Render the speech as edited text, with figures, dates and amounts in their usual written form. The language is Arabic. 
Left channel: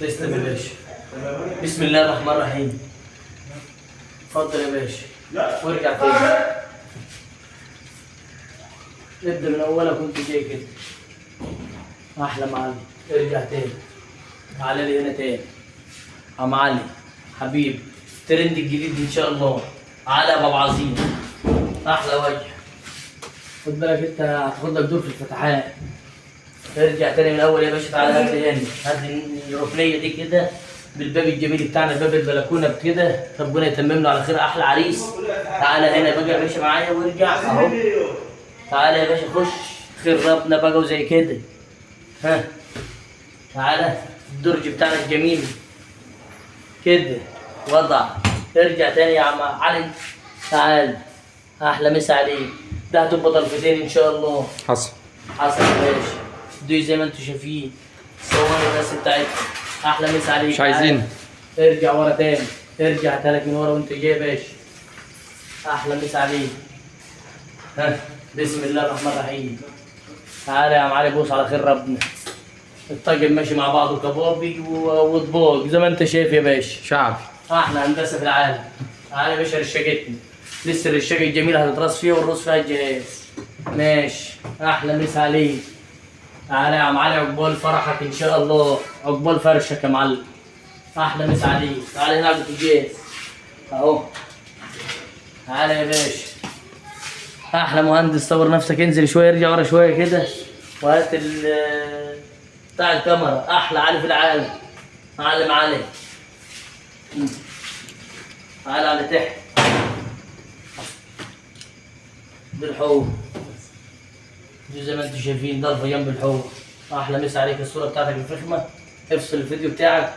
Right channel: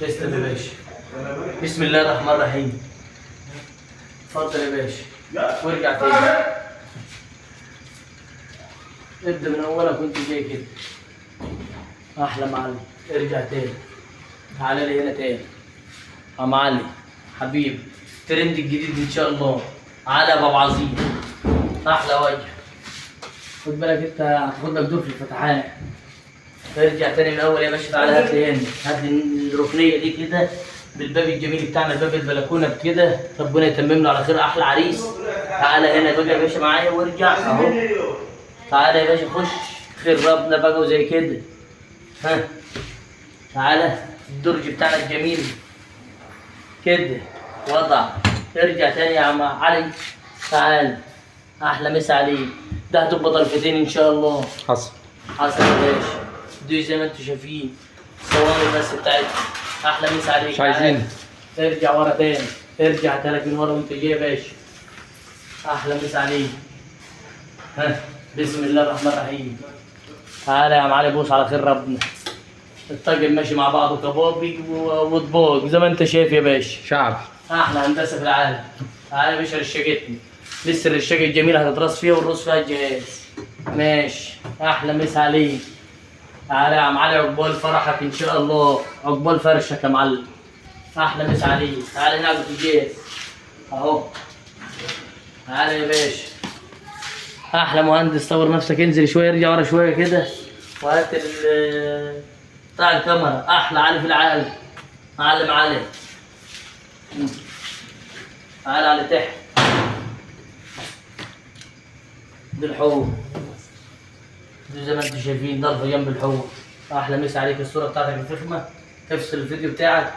تسلم يا باشا. بسم الله الرحمن الرحيم. اتفضل يا باشا وارجع تاني. ابدا من اولها كنت جاي كده. احلى معلم. ارجع تاني. تعالى لي هنا تاني. عم علي حبيبي، الترند الجديد ان شاء الله. على ابو عظيم. احلى وجه. خد بالك انت هتاخد لك دور في الفتحات. ارجع تاني من الاول يا باشا. تعالى هات لي هنا، هات لي الركنيه دي كده بالباب الجميل بتاعنا، باب البلكونه بكده. ربنا يتمم له على خير. احلى عريس. تعالى هنا بقى يا باشا معايا وارجع اهو. تعالى يا باشا خش. خير ربنا بقى وزي كده. ها تعالى الدرج بتاعنا الجميل كده وضع. ارجع تاني يا عم علي. تعال. احلى مسا عليك. ده هتبقى طرفتين ان شاء الله. حصل. حصل يا باشا. دي زي ما انتم شايفين صور الناس بتاعتنا. احلى مسا عليك. مش عايزين. ارجع ورا تاني. ارجع تالك من ورا وانت جاي يا باشا. احلى مسا عليك. ها بسم الله الرحمن الرحيم. تعالى يا عم علي بوس على خير ربنا. الطاقم ماشي مع بعضه كبابي وطباق زي ما انت شايف يا باشا. شعبي. احلى هندسه في العالم. تعالى يا باشا رشاقتني. لسه الرشاقه الجميله هتترص فيها والرص فيها الجهاز. ماشي. احلى مسا عليك. تعالى يا عم علي عقبال فرحك ان شاء الله. عقبال فرشك يا معلم. احلى مسا عليك. تعالى هنا عقبة الجهاز اهو. تعالى يا باشا. احلى مهندس. طور نفسك. انزل شويه ارجع ورا شويه كده وهات بتاع الكاميرا. احلى علي في العالم. معلم علي. تعالى على تحت بالحوض. زي ما انتم شايفين ضربه جنب الحوض. احلى مسا عليك. الصوره بتاعتك الفخمه. افصل الفيديو بتاعك